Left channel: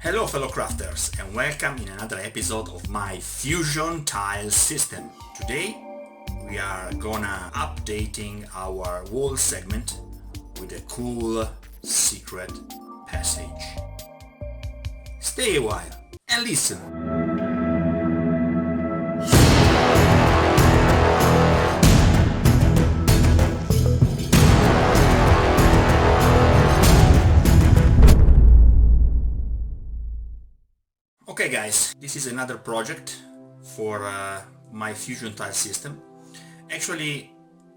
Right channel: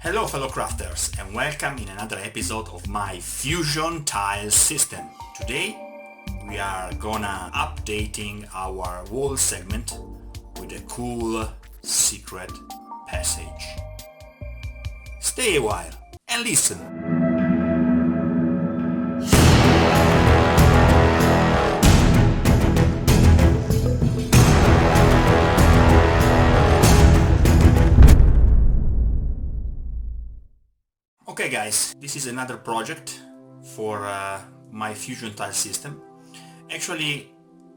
Hello fellow crafters and welcome in another episode of my Fusion tile system. Today we are gonna updating our wall segment with a cool secret passage. Stay a while and listen. Okay guys, this is another project for my Fusion tile system. Actually,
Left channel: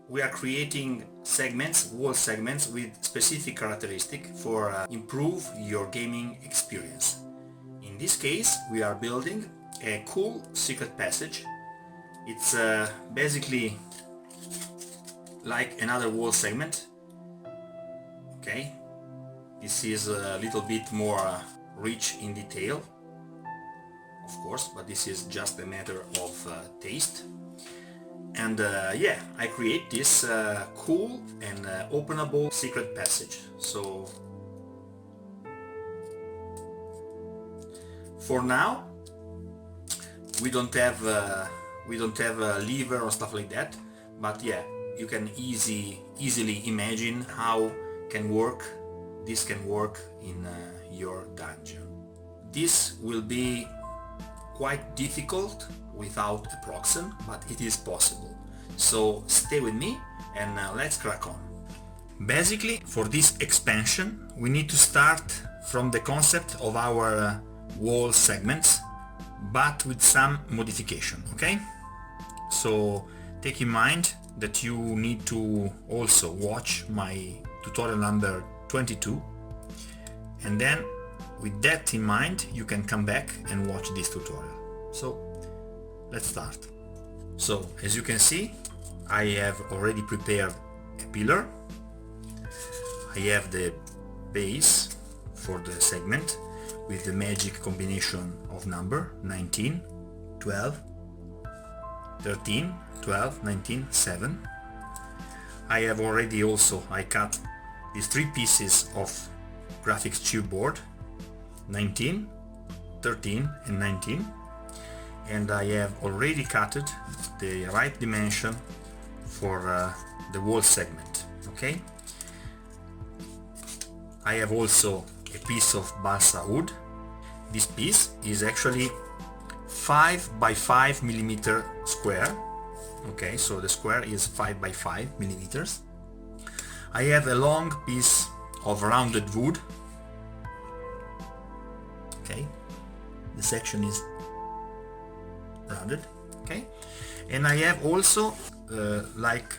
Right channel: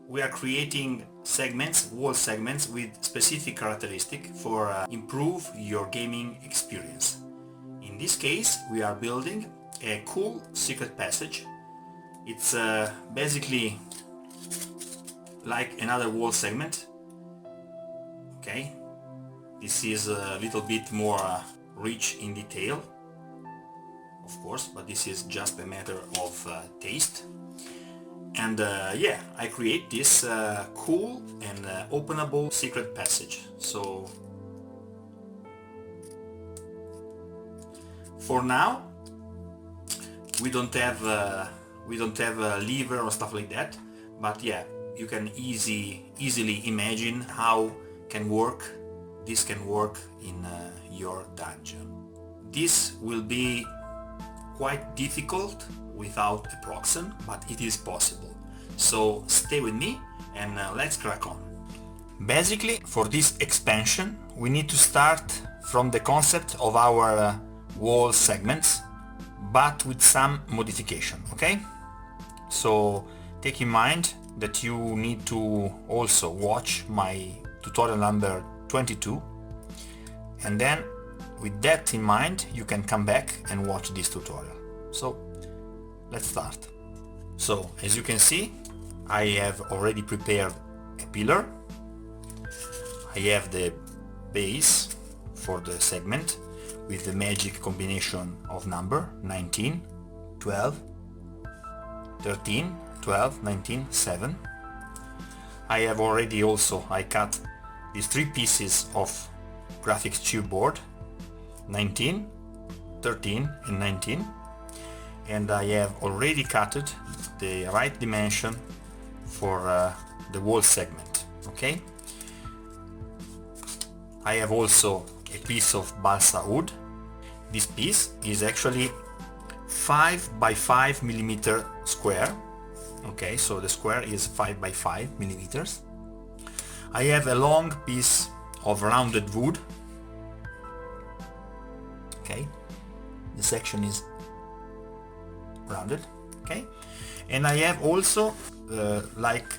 we are creating segments, wall segments with specific characteristic for improve your gaming experience. In this case, we are building a cool secret passage. It's basically like another wall segment. Okay, this is a little bit more rich in detail, of course, but this is just a matter of taste. And yeah, I create this cool and openable secret passage. So for now we don't have a lever or stuff like that, but yeah, you can easily imagine how this can work in your dungeon. This will be quite difficult without a proxen, but it is possible. So stay with me and let's crack on. Basically, for this expansion we need to start from the concept of our wall segments, but with some modification, okay? So take in mind that you need to also watch my tutorial number 22, and then with that in mind you can come back and watch this tutorial. So let's start. So as you can see, I have already prepared a pillar. I have the base for the segment with the magic combination of number 19, 12, 13, 12, 19, 7. I have already I cut these 3 pieces of graphics chipboard, 19, 13 and 19, and I have already cut the right dimension for the wall segment. Okay, I have also a piece of balsa wood. This piece is actually 5 by 5 millimeter square. Okay, so the square is 5 by 5 millimeters. I have a long piece of rounded wood. Okay, the section is rounded. Okay, and I have also like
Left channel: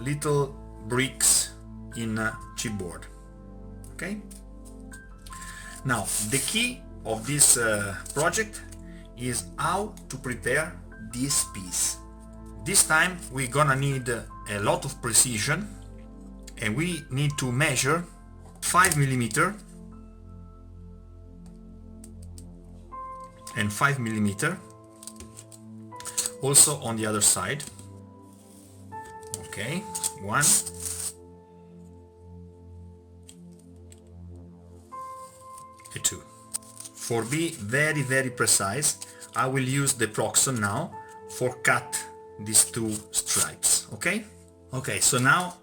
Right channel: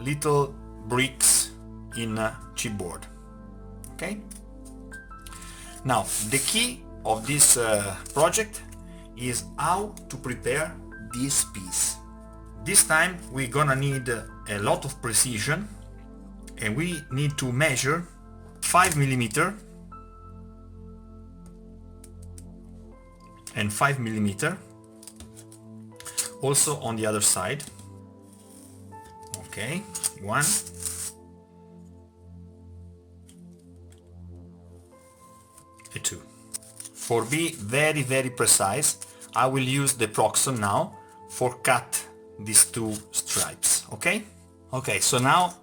little bricks in chipboard. Okay, now the key of this project is how to prepare this piece. This time we're gonna need a lot of precision, and we need to measure 5 millimeter and 5 millimeter also on the other side. Okay, 1, 2. For be very precise, I will use the proxen now for cut these 2 stripes. Okay, so now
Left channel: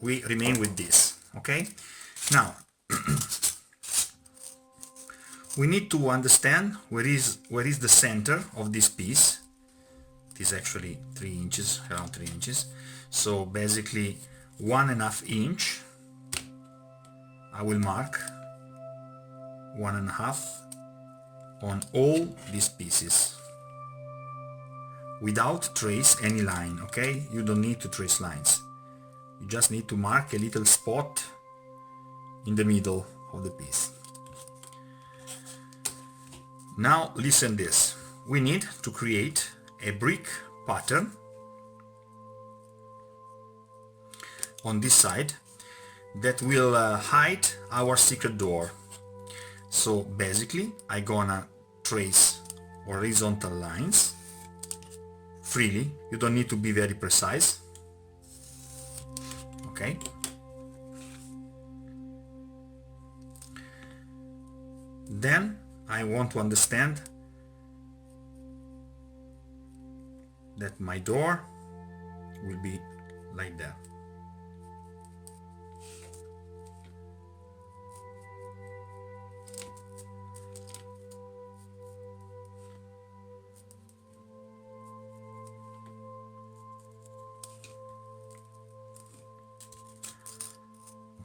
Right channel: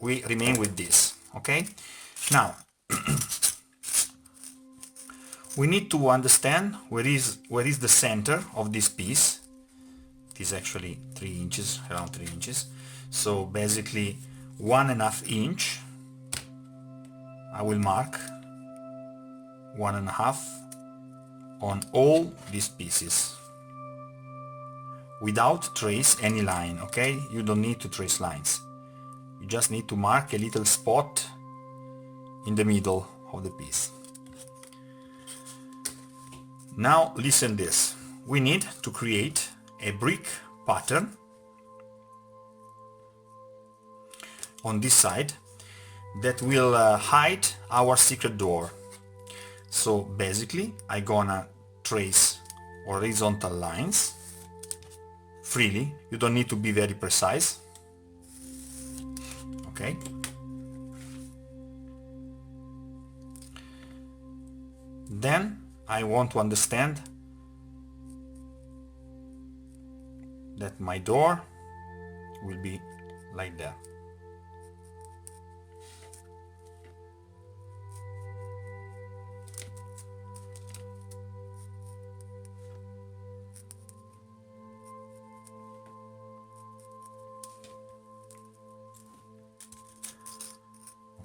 we remain with this. Okay, now we need to understand where is the center of this piece. It is actually 3 inches, around 3 inches. So basically 1.5 inch. I will mark 1.5 on all these pieces without trace any line. Okay, you don't need to trace lines. You just need to mark a little spot in the middle of the piece. Now listen this. We need to create a brick pattern on this side that will hide our secret door. So basically I'm gonna trace horizontal lines freely. You don't need to be very precise. Okay, Then I want to understand that my door will be like that.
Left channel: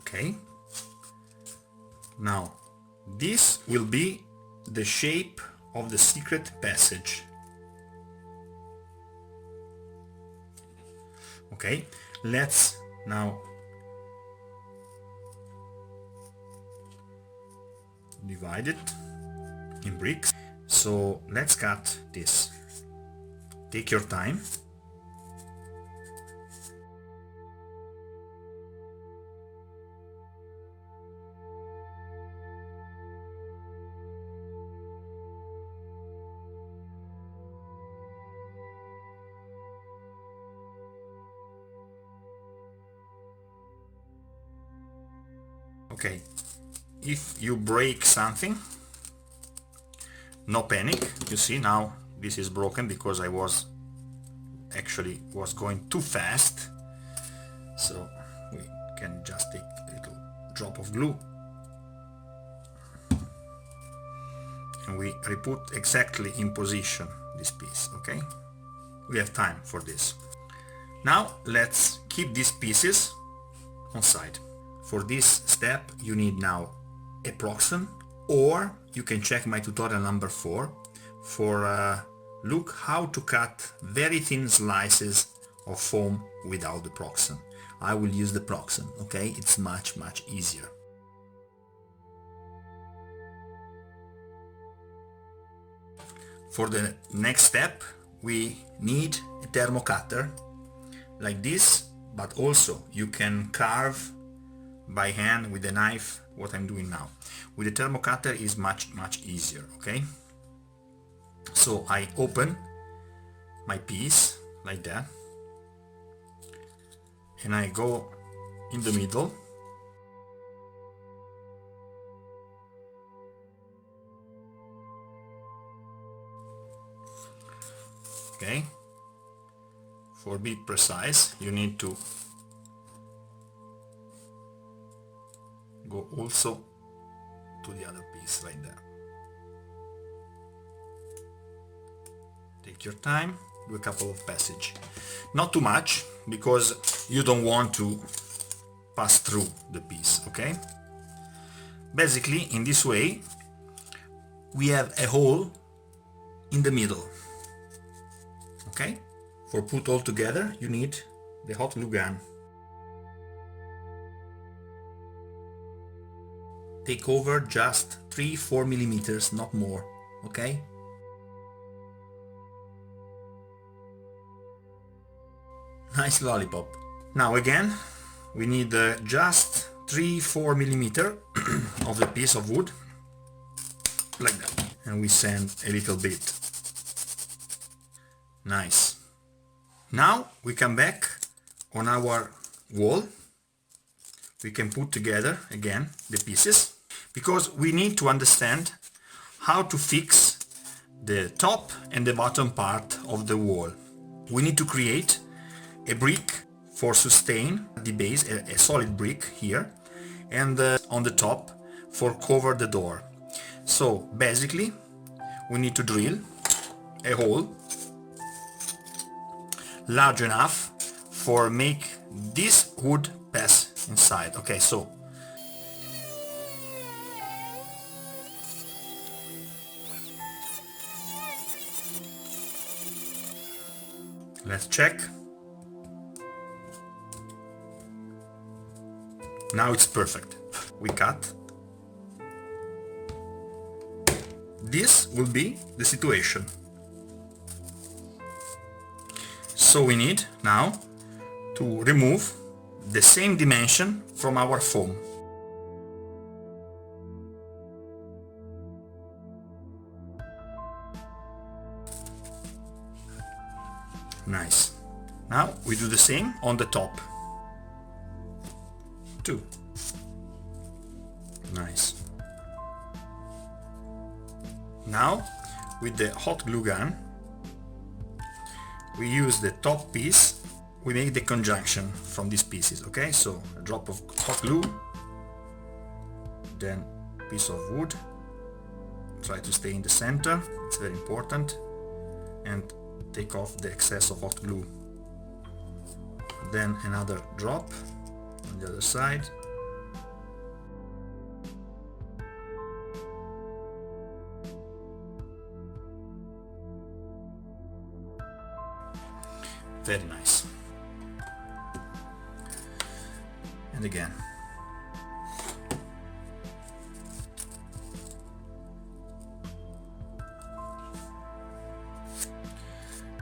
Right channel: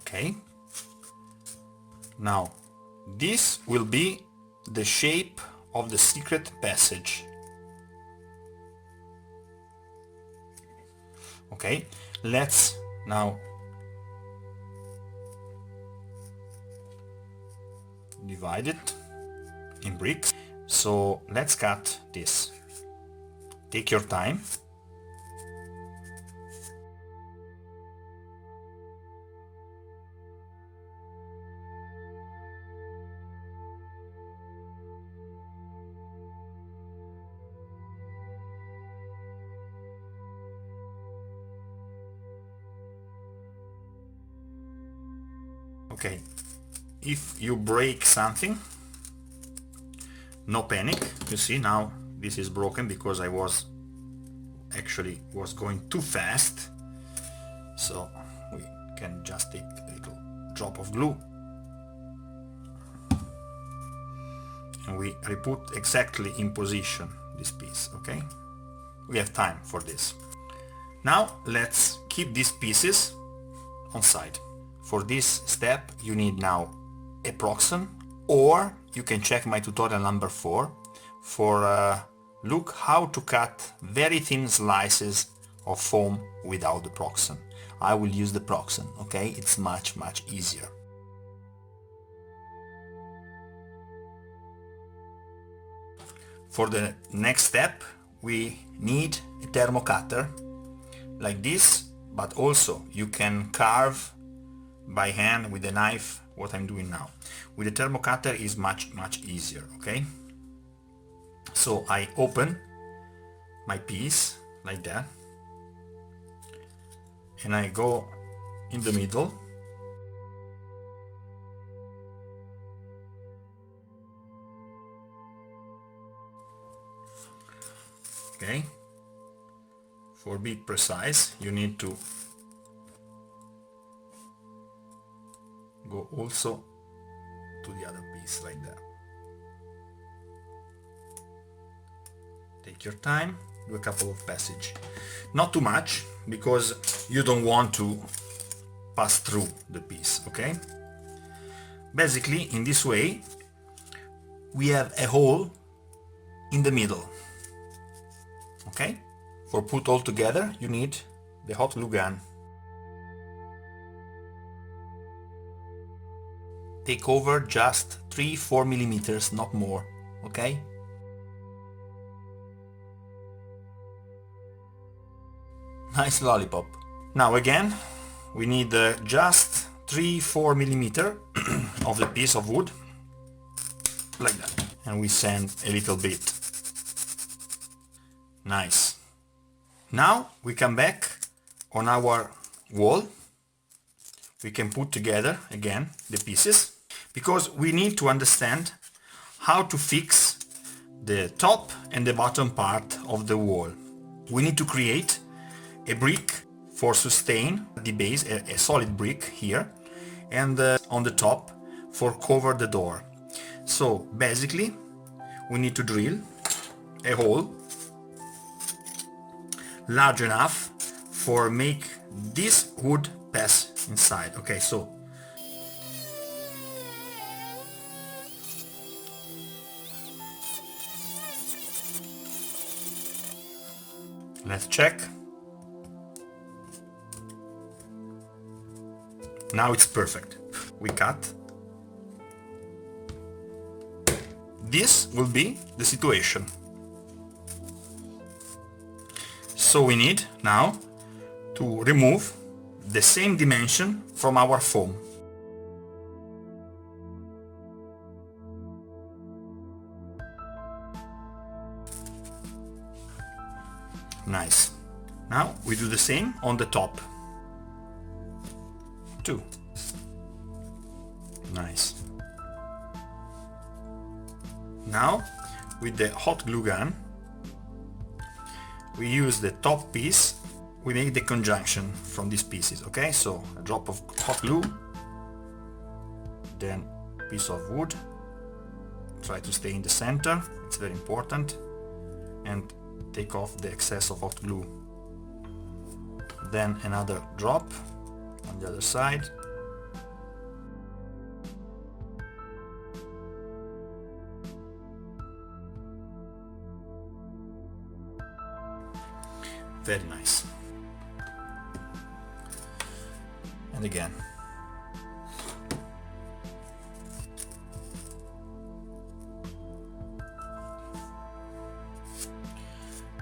Okay. Now, this will be the shape of the secret passage. Okay, let's now divide it in bricks. So let's cut this. Take your time. Okay, if you break something, no panic. You see, now this is broken because I was going too fast. So we can just take a little drop of glue and we re-put exactly in position this piece. Okay, we have time for this. Now let's keep these pieces on side. For this step you need now a proxen, or you can check my tutorial number 4 for look how to cut very thin slices of foam without the proxen. I will use the proxen, okay? It's much easier. For the next step we need a thermo cutter like this, but also you can carve by hand with a knife, what I'm doing now. With a thermo cutter is much easier, okay? So I open my piece like that and I go in the middle. Okay, for be precise you need to go also to the other piece like that. Take your time, do a couple of passages, not too much because you don't want to pass through the piece. Okay, basically in this way we have a hole in the middle. Okay, for put all together you need the hot glue gun. Take over just 3-4 millimeters, not more. Okay, nice lollipop. Now again we need just 3-4 millimeter of the piece of wood like that, and we sand a little bit. Nice. Now we come back on our wall. We can put together again the pieces because we need to understand how to fix the top and the bottom part of the wall. We need to create a brick for sustain the base, a solid brick here, and on the top for cover the door. So basically we need to drill a hole large enough for make this wood pass inside. Okay, so let's check. Now it's perfect. We cut. This will be the situation. So we need now to remove the same dimension from our foam. Nice. Now we do the same on the top. Two. Nice. Now, with the hot glue gun, we use the top piece, we make the conjunction from these pieces, okay? So a drop of hot glue, then a piece of wood, try to stay in the center, it's very important, and take off the excess of hot glue. Then another drop on the other side. Very nice. And again.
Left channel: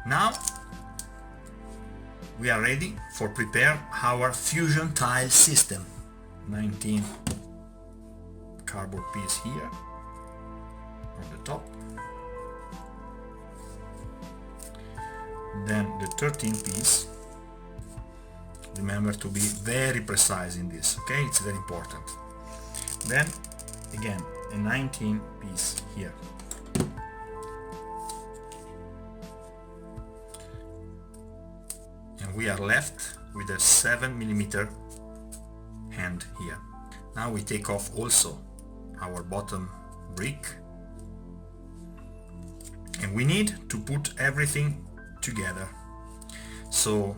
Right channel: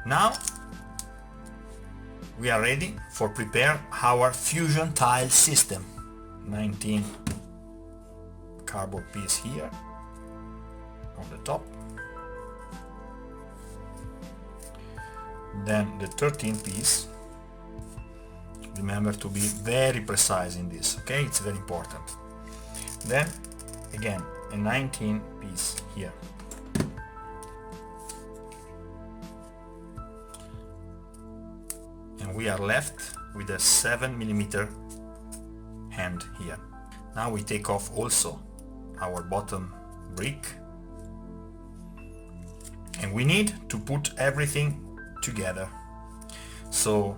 Now we are ready for prepare our fusion tile system. 19 cardboard piece here on the top. Then the 13 piece. Remember to be very precise in this, okay? It's very important. Then again a 19 piece here. And we are left with a 7mm hand here. Now we take off also our bottom brick, and we need to put everything together. So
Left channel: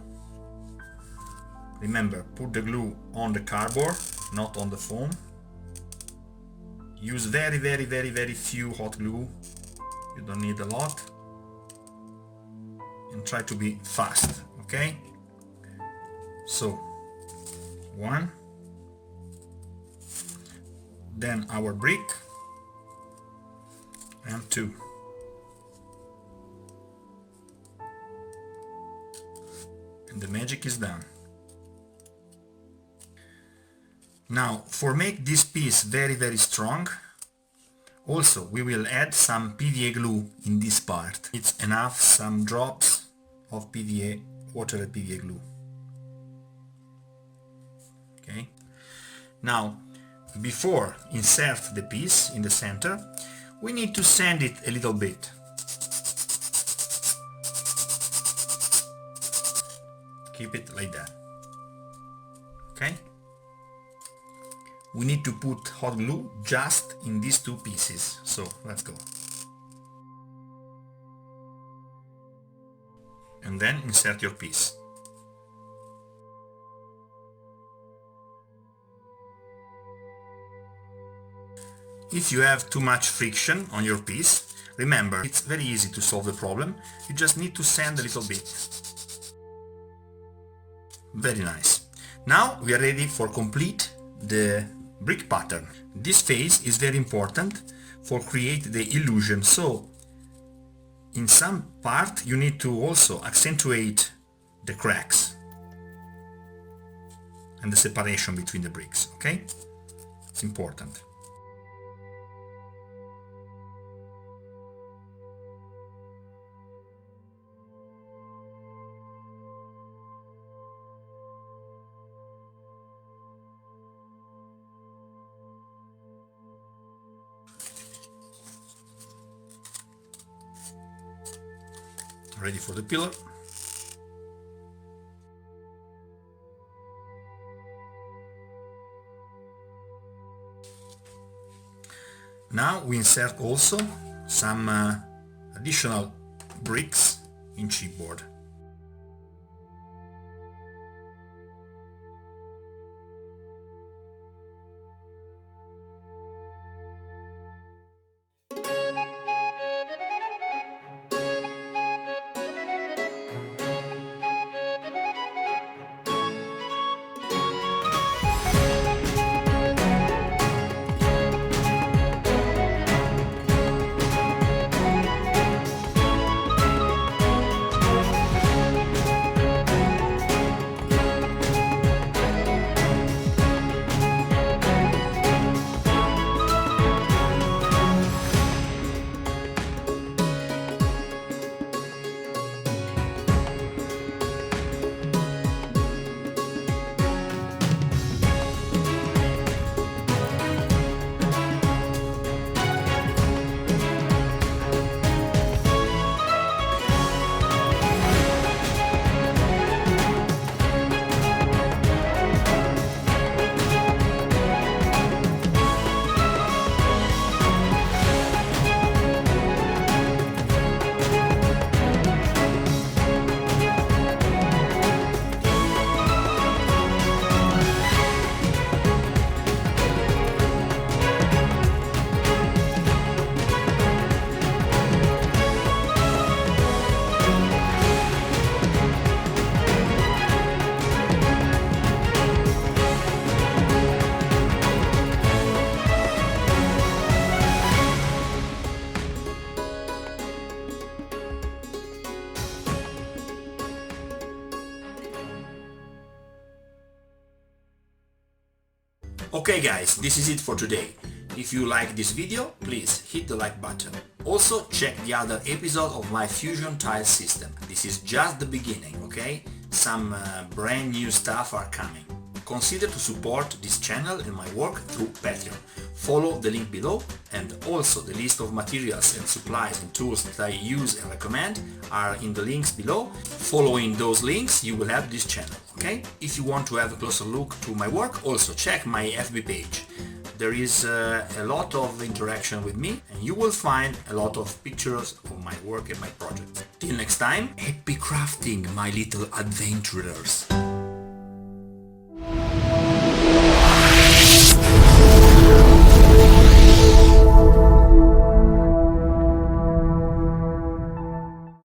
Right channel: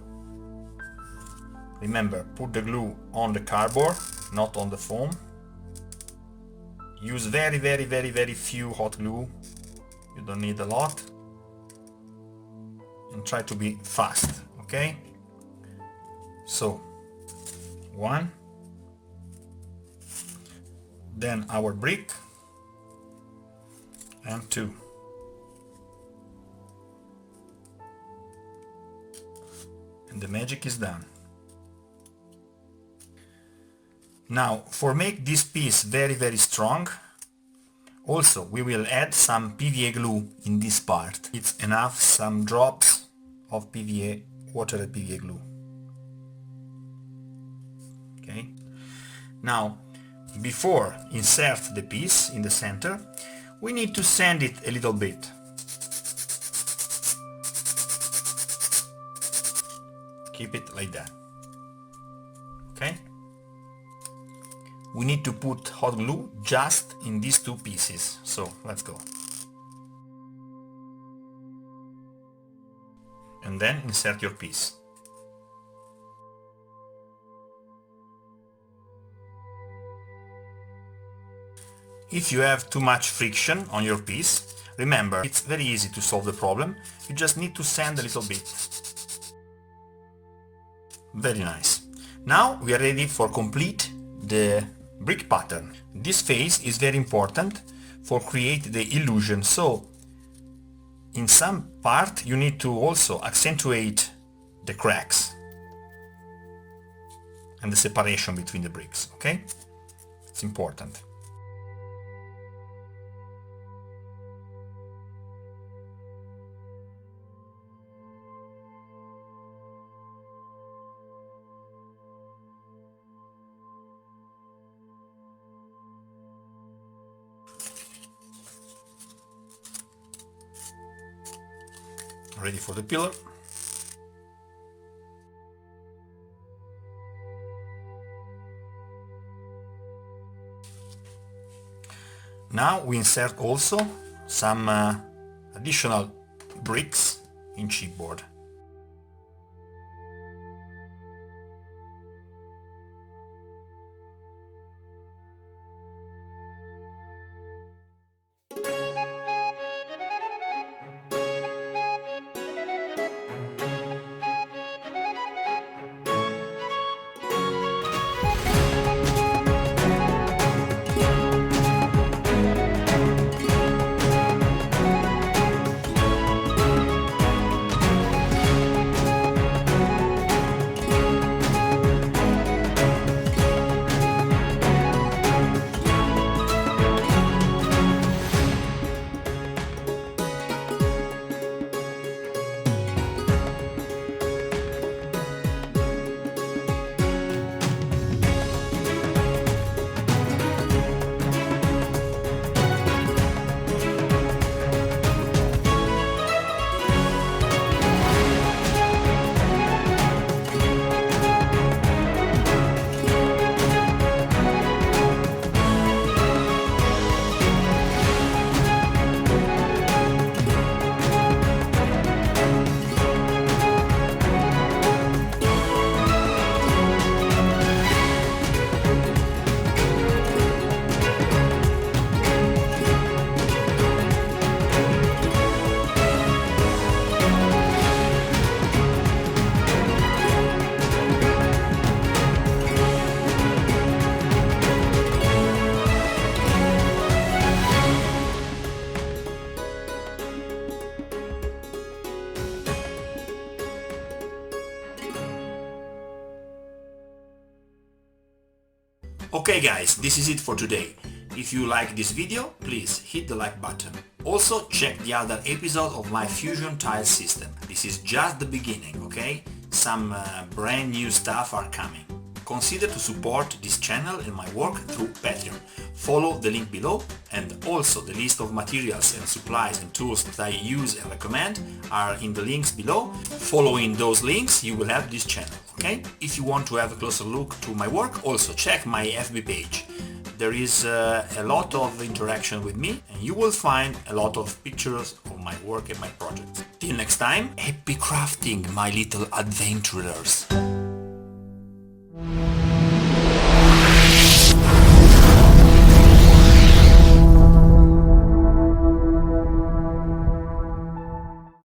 remember, put the glue on the cardboard, not on the foam. Use very few hot glue, you don't need a lot, and try to be fast, okay? So 1, then our brick, and 2. And the magic is done. Now, for make this piece very strong, also we will add some PVA glue in this part. It's enough, some drops of PVA, watered PVA glue. Okay. Now, before insert the piece in the center, we need to sand it a little bit. Keep it like that. Okay? We need to put hot glue just in these two pieces. So let's go. And then insert your piece. If you have too much friction on your piece, remember, it's very easy to solve the problem. You just need to sand a little bit. Very nice. Now we are ready for complete the brick pattern. This phase is very important for create the illusion. So in some part you need to also accentuate the cracks and the separation between the bricks, okay? It's important. Ready for the pillar. Now we insert also some additional bricks in chipboard. Okay guys, this is it for today. If you like this video, please hit the like button. Also check the other episode of my Fusion tile system. This is just the beginning, okay? Some brand new stuff are coming. Consider to support this channel and my work through Patreon. Follow the link below, and also the list of materials and supplies and tools that I use and recommend are in the links below. Following those links you will have this channel, okay? If you want to have a closer look to my work, also check my FB page. There is a lot of interaction with me, and you will find a lot of pictures of my work and my project. Till next time, happy crafting, my little adventurers!